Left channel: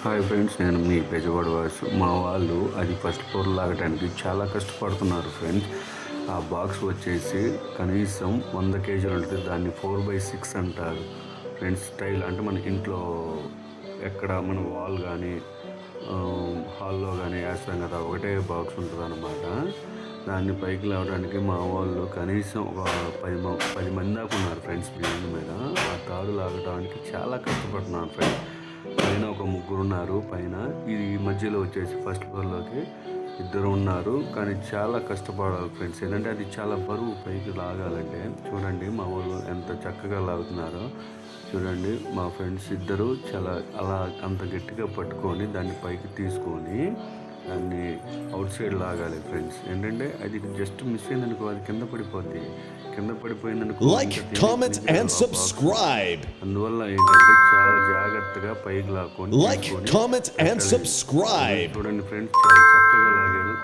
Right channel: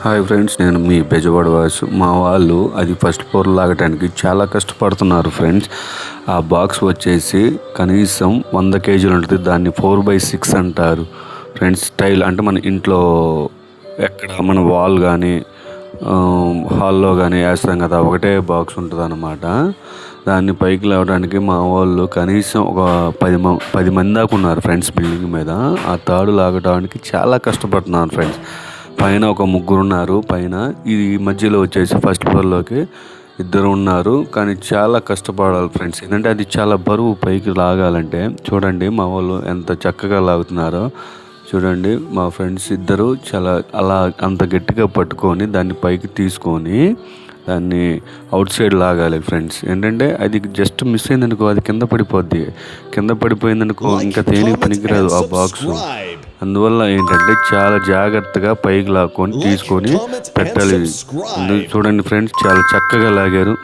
Hi friends నేను మీ బెజవాడ వాసు. మా వాళ్ళు అది ఫస్ట్ ఫ్లోర్ లాగటానికి చాలా కష్టపడుతున్నారు ఫ్రెండ్స్. ఆ బాక్స్ వచ్చేసి కనీసం వంద కేజీలు ఉంటుంది. దాన్ని ఫోర్ బై సిక్స్ అంటారు. ఫ్రెండ్స్ స్టైల్ అంటే మన ఇంట్లో ఎక్కడ మన వాల్ కానీ హాల్లో కానీ వేస్తాం కదా ఒకటే బాక్స్ ఉంటుంది అన్నమాట దాన్ని పైకి లేవడానికి మా వాళ్ళు కనీసం ఒక పది మ పది మంది దాకా ఉన్నారు ఫ్రెండ్స్ బిల్డింగ్ మీద. ఆ తాడు లాగడానికి చాలా కష్టపడుతున్నారు ఫ్రెండ్స్. పైన ఒక ముగ్గురు ఉన్నారు పైన ఇది మధ్యలో వచ్చేసి ఫస్ట్ ఫ్లోర్లోకి ఇద్దరు ఉన్నారు. కానీ చాలా కష్టపడాలి ఫ్రెండ్స్. ఏంటంటే అది చాలా బరువు పైకి లాగాలంటే చూడండి మా వాళ్ళు ఎంత చక్కగా లాగుతున్నారో. చూడండి మా ఫ్రెండ్స్ ఇద్దరు చాలా అలా అంత గట్టిగా పట్టుకొని దాన్ని పైకి తీసుకొని దాన్ని అవుట్ సైడ్ లాగాలి ఫ్రెండ్స్. ఏంటంటే అది జస్ట్ మిస్ అయిందనుకో అది కింద పడిపోద్ది. కింద పడిపోయిందనుకో ఇంకా comment, పనికిరాదు ఆ బాక్స్. అందువల్ల ఏంటంటే చాలా జాగ్రత్తగా పైకి లాక్కొని తీసుకొని పెట్టాలి. చూడండి ఫ్రెండ్స్ చాలా చక్కగా లాగారు.